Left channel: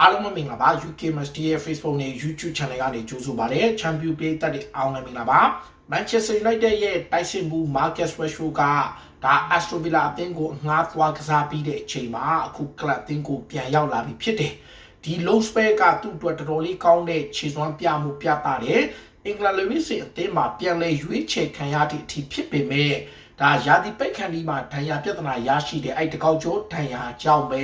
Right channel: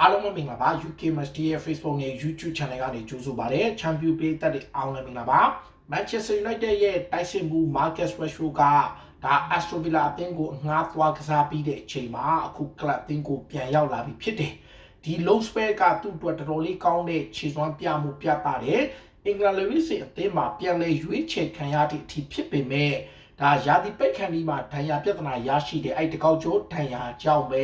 အားလုံးပဲမင်္ဂလာပါ UK Must ရဲ့ Facebook နဲ့ YouTube Channel ကနေကြိုဆိုပါရစေ။ Champion ပေးသက်တဲ့အောင်လည်းမင်္ဂလာပါ။ Manchester United ရဲ့တိုက်စစ်မှု Marcus Rashford ကဒါ Aston Villa အသင်းကိုငှားသွားကစားပြီးတဲ့အချိန်မှာအခု club အသင်းကိုပြန်ရောက်လာပြီဖြစ်တယ်။ဒီ low spell ကသူ့အတွက်တော်တော်လေးကောင်းတဲ့ခြေစွမ်းပြမှုပြတာတယ်။အင်္ဂလန်လူမျိုးစီအသင်းမှာပြန်လဲရွေးချယ်ခံရတဲ့အထိဖြစ်ပေမဲ့ ဒါရာသီပိတ်ခန့်ဒီမှာဒဏ်ရာပြဿနာရရှိတဲ့အဲ့တကောက်ကျော်ဒဏ်ရာကြောင့်ပဲ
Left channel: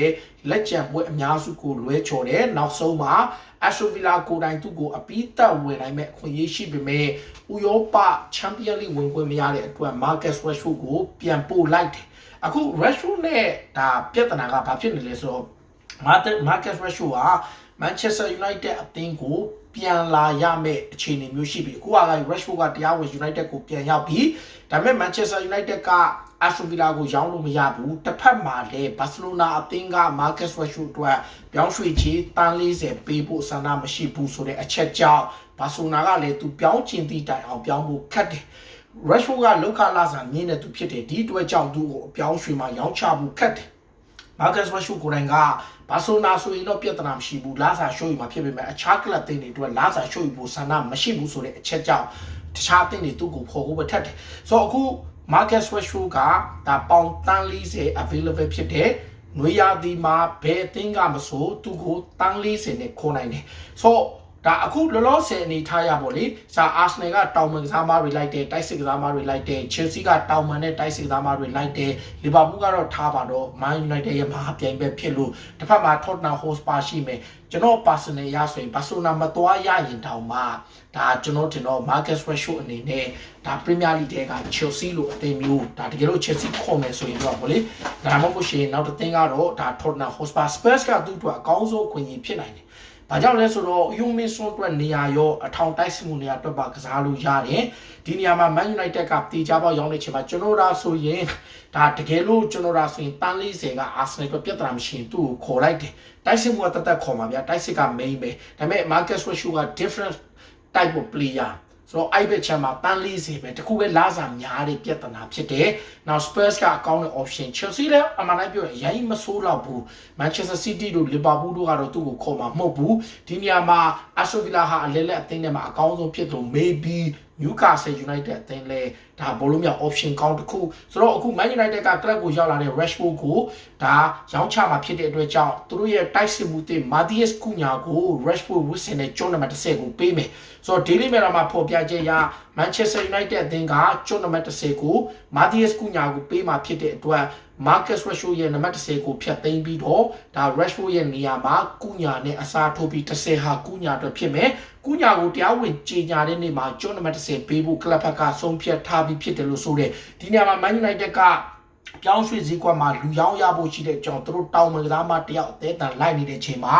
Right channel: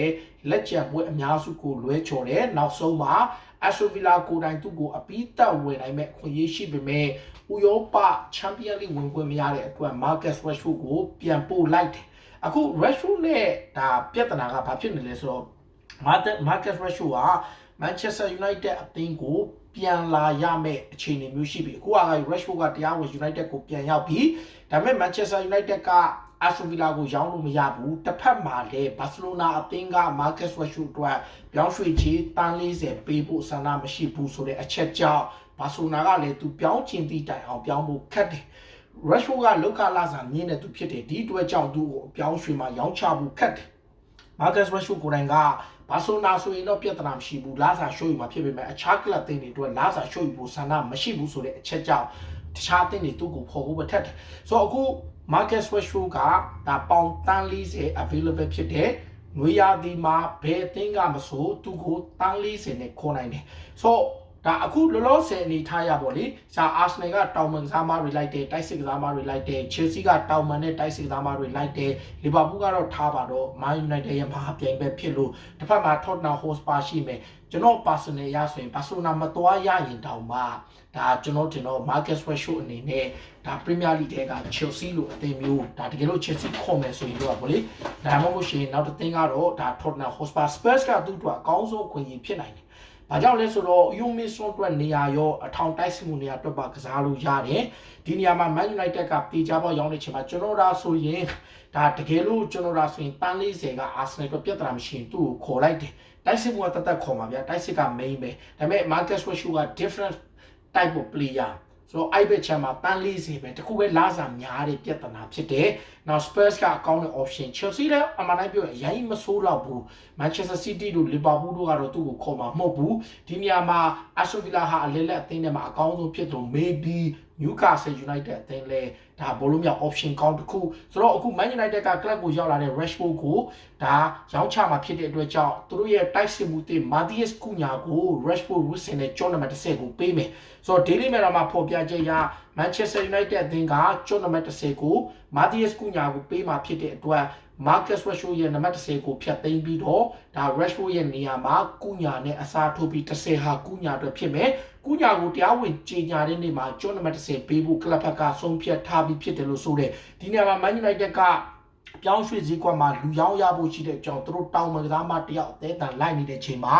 လက်ကျန်ပွဲအများစုကိုလွဲချော်တယ်နောက်ဆုံးမှာအက်ဆိုဗီလာကိုတိုင်သူ့ကိုအပိသက်ဝင်နိုင်မဲ့အခွင့်အရေးရှိပေမဲ့ဥရောပချန်ပီယံလိဝင်ခွင့်မရတဲ့အတွက်မာကတ်ရက်ရှ်ကိုပြန်ပို့လိုက်တယ်အခု Rashford နဲ့ဒါပြဿနာကဘာဖြစ်နေလဲဆိုတော့ Marcus Rashford က Manchester United အသင်းကိုပြန်လာရမယ့်အခြေအနေမျိုးရှိပြီအခုက Rashford ကတရားဝင် United ကိုပြန်ရောက်ပြီဒါပေမဲ့ Manchester United က Aston Villa ကိုရောင်းလို့မရဘူးတစ်ဖက်မှာလည်း Barcelona အသင်းက Marcus Rashford အတွက်ပြောင်းရွှေ့ချေတန်း40ပေးဖို့ဆန္ဒမရှိဘူးဆိုတဲ့အချက်ကြောင့် Barcelona ကလည်းသူပြောင်းချင်သည့်တိုင်အောင်ပြောင်းဖို့ခက်တယ် Rashford ကလောက်ခလာစာမြင့်တဲ့သူဖြစ်တယ်ဒီအတွက်ကြောင့်သူ့ကိုအပြောင်းရွှေ့မှာရောင်းချဖို့ခက်တယ် မာကတ်ရရှုကိုယ်တိုင်ကဘာဆိုနာဆိုရင်တော့ပြဿနာမရှိဘူးလာစာရှိုးယူမှာဖြစ်ပေမဲ့အခြားကလပ်တင်းတွေအတွက်လာစာရှိုးယူဖို့ဆန္ဒမရှိဘူးဆိုတဲ့အချက်ကြောင့်တခြားတင်းတွေသူ့ကိုဖော်ဖို့ပဲထက်တယ်ဆိုတော့အခု market threshold ကဒါပေါင်တန်း40 available ဖြစ်တဲ့နွေရာသီမှာဘယ်အသင်းကမဆိုသူ့ကိုတန်း40နဲ့ခေါ်နိုင်တယ်ဆိုတော့ ဒါအခုလောလောဆယ်အနေထားရပါလေစာအာဆနယ်ကတောင်မန်ကစားမတွေလိုက်တယ်တိုက်စစ်ကစားမတွေလိုက်တယ်ချယ်ဆီကတောင်မန်နဲ့တိုက်စစ်ကစားမတွေလိုက်တယ်လီဗာပူးကတော့ထားပါတော့မန်ယူနိုက်တက်ရဲ့မဟာပြိုင်ပဲဖြစ်လို့တစ်ဖက်မှာ Tottenham Hotspur ရှိမယ်ကျွန်တော် personal ရဆိုရင် Barcelona မသွားရရင်တောင်မှဒါကျွန်တော်တင်တော့ Marcus Rashford အနေနဲ့ဒါ Premier League တဲက Chelsea လို့အသင်းမျိုးဒါတကယ်လို့ Chelsea ခေါ်မယ်ဆိုရင်တော့ဗောလေဒါမှမဟုတ်ရှင်နောက်တစ်သင်းကတော့ဒါ Tottenham Hotspur Spurs ကသူ့အတွက်အကောင်းဆုံးအခွင့်အရေးဖြစ်နိုင်တယ်။ ဘာကြောင့်လဲဆိုတော့ယူမီဆွန်အတွက်နေရာရောအထောင်တိုက်စစ်မှုနေရာအတွက်ပါကစားလို့ရတယ်။ဒီနေရာမှာ Man United ကတေချာပေါက်ရောင်းနေချင်မှာကျွန်တော်တို့ဆိုရင်ဒါတကယ်လို့ကျွန်တော်တို့ဆိုရင်တန်40က Arsenal အတွက်ပြဿနာမရှိရင်သူ့ကိုခေါ်လိုက်တယ်။တိုက်စစ်မှုကတသက်ခေါ်မှာဗျာတိုက်စစ်က main ပဲ။ဒါပေမဲ့ Marcus Rashford က different type of player ဆိုတော့အဲ့ဘက်ချမ်းမှာတန်း40ပဲတခုပဲလာစားများတဲ့ပြဿနာဖြစ်တယ်။နောက် Spurs ကအကောင်းတဲ့ option Chelsea လည်းအမှန်တိုင်းပြောရင်အရင်မဆိုးတော့ဘူး။ Manchester City တို့ Liverpool တို့ကတော့သူ့ကိုခေါ်မှာမဟုတ်ဘူး။ဒီနေရာမှာ Aston Villa ဟာအလဲလက်အသင်းထဲမှာအကောင်းဆုံးဖြစ်လို့ maybe Newcastle United အသင်းလဲဒါဘောလုံးမြောက် option ကောင်းတစ်ခုဆိုတော့အခု Man United က club ကိုရောက်လာတဲ့ Rashford ကိုဒါရောင်းချမှာဖြစ်တဲ့အတွက်ကြောင့်သူတို့ရဲ့တိုက်စစ်မှုတွေ Matthias Cunha ကို Rashford Wilson နဲ့ John number 10ကိုပေးမယ်ဆိုတော့ Daily Mail မှာဖော်ပြချက်အရ Manchester United အသင်းက John number 10ကို Matthias Cunha ကိုပေးမှာဖြစ်တဲ့အတွက် Marcus Rashford ရဲ့နံပါတ်10ကိုဖျက်သိမ်းပြီးတော့ဒါ Rashford ရဲ့နေရာမှာကုညာနဲ့အစားထိုးပြီး10ဟာကုညာအတွက်ဖြစ်မယ်။ကုညာကိုတရားဝင်ကြေညာတဲ့နေ့မှာကျောင်းနံပါတ်10ပေးဖို့ကလပ်ဖက်ကဆုံးဖြတ်ထားပြီးဖြစ်တယ်လို့ဆိုတဲ့ဒီနေရာမှာ Man United ကပြောင်းရွှေ့ဈေးကွက်မှာလူရောင်းရဖို့ရှိတဲ့အကြောင်းသူတို့တောင်းမှကစားမတယောက်အသေးတန်လိုက်နေတဲ့အချိန်မှာ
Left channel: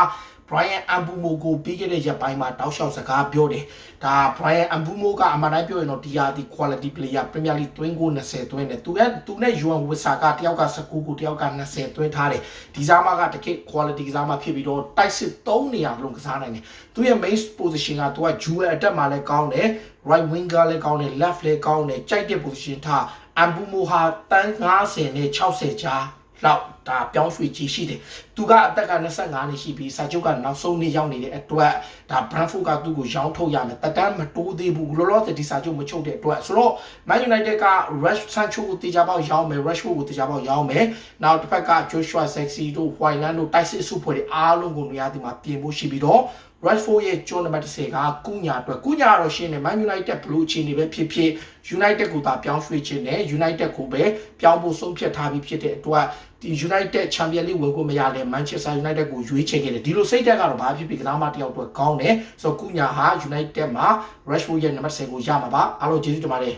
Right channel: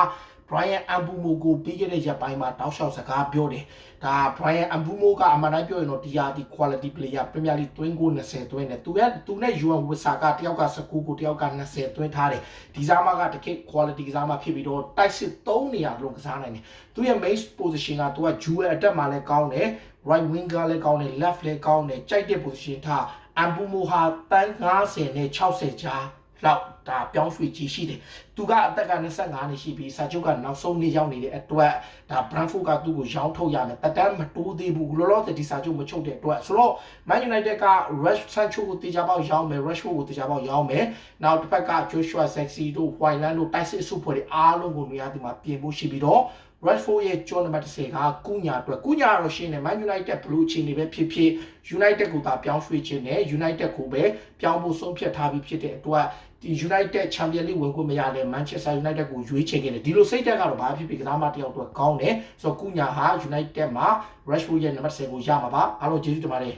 Brian Ambumo ကိုပြီးခဲ့တဲ့ရက်ပိုင်းမှာတောက်လျှောက်စကားပြောတယ်။ဒါ Brian Ambumo ကအမှန်တိုင်းပြောရင်တော့ဒီဟာဒီ quality player Premier League သွင်းကို20သွင်းတယ်။သူကသူနဲ့ Yuan Wissa ကတယောက်က19ကိုတယောက်က20သွင်းထားတယ်။ဒီစားမကတကယ် quality ကစားမဖြစ်ပြီးတော့တိုက်စစ်3နေရာလုံးကစားနိုင်တယ်။သူရဲ့ main position ကသူက dual attack မှာလည်းကောင်းတယ်။ right winger လည်းကောင်းတယ် left လည်းကောင်းတယ်။ကြိုက်တဲ့ position ထား Ambumo ဟာတန်း90နဲ့60ကြား လောက်ဒါပြောင်းရွှေ့ကြီးရှိတယ်။သူကအသက်က25နှစ်ရှိပြီးစာချုပ်ကနောက်ဆုံးနှစ်ရောက်နေတဲ့အတွက်ဒါ Brentford ကသူ့ကိုရောင်းထုတ်ရမယ်။တက်တန်းမတိုးသေးဘူး။လောလောဆယ်ဒီစာချုပ်မချုပ်တဲ့အတွက်ဆိုတော့ Man United က Rush Sancho ကိုတေချာပေါက်ရောင်းမယ် Rashford ကိုတေချာပေါက်ရောင်းမယ်။နောက်တစ်ဖက်က Joshua Zexi တို့ Hoyland တို့တိုက်စစ်စုဖွဲ့တွေအားလုံးကိုနေရာဒီမှာပြင်ဖို့ရှိပြီးတော့ Rashford ရဲ့ကျောင်းနံပါတ်10ကကုညာအတွက်ကုညာတော့ရှင်းတယ် Man United ဘလို့အခြေအနေပဲဖြစ်ဖြစ် United ကိုသာပြောင်းရွှေ့ခြင်းနဲ့ United ကိုပဲပြောင်းဖို့ဆုံးဖြတ်ထားပြီးဖြစ်တဲ့အတွက် ဒီ United Champions League ဝင်ခွင့်မရလဲ Manchester United ကိုရွေးချယ်ခဲ့တယ်ဒီလိုစိတ်သက်ကတော့ဘာဖြစ်ဖြစ်ကစားမတယောက်အတွက်ကောင်းတယ်ဆိုတော့ကုညာဟာ United မှာ Rashford ရဲ့နံပါတ်10ကိုရမှာပါအားလုံးကျေးဇူးတင်ပါတယ်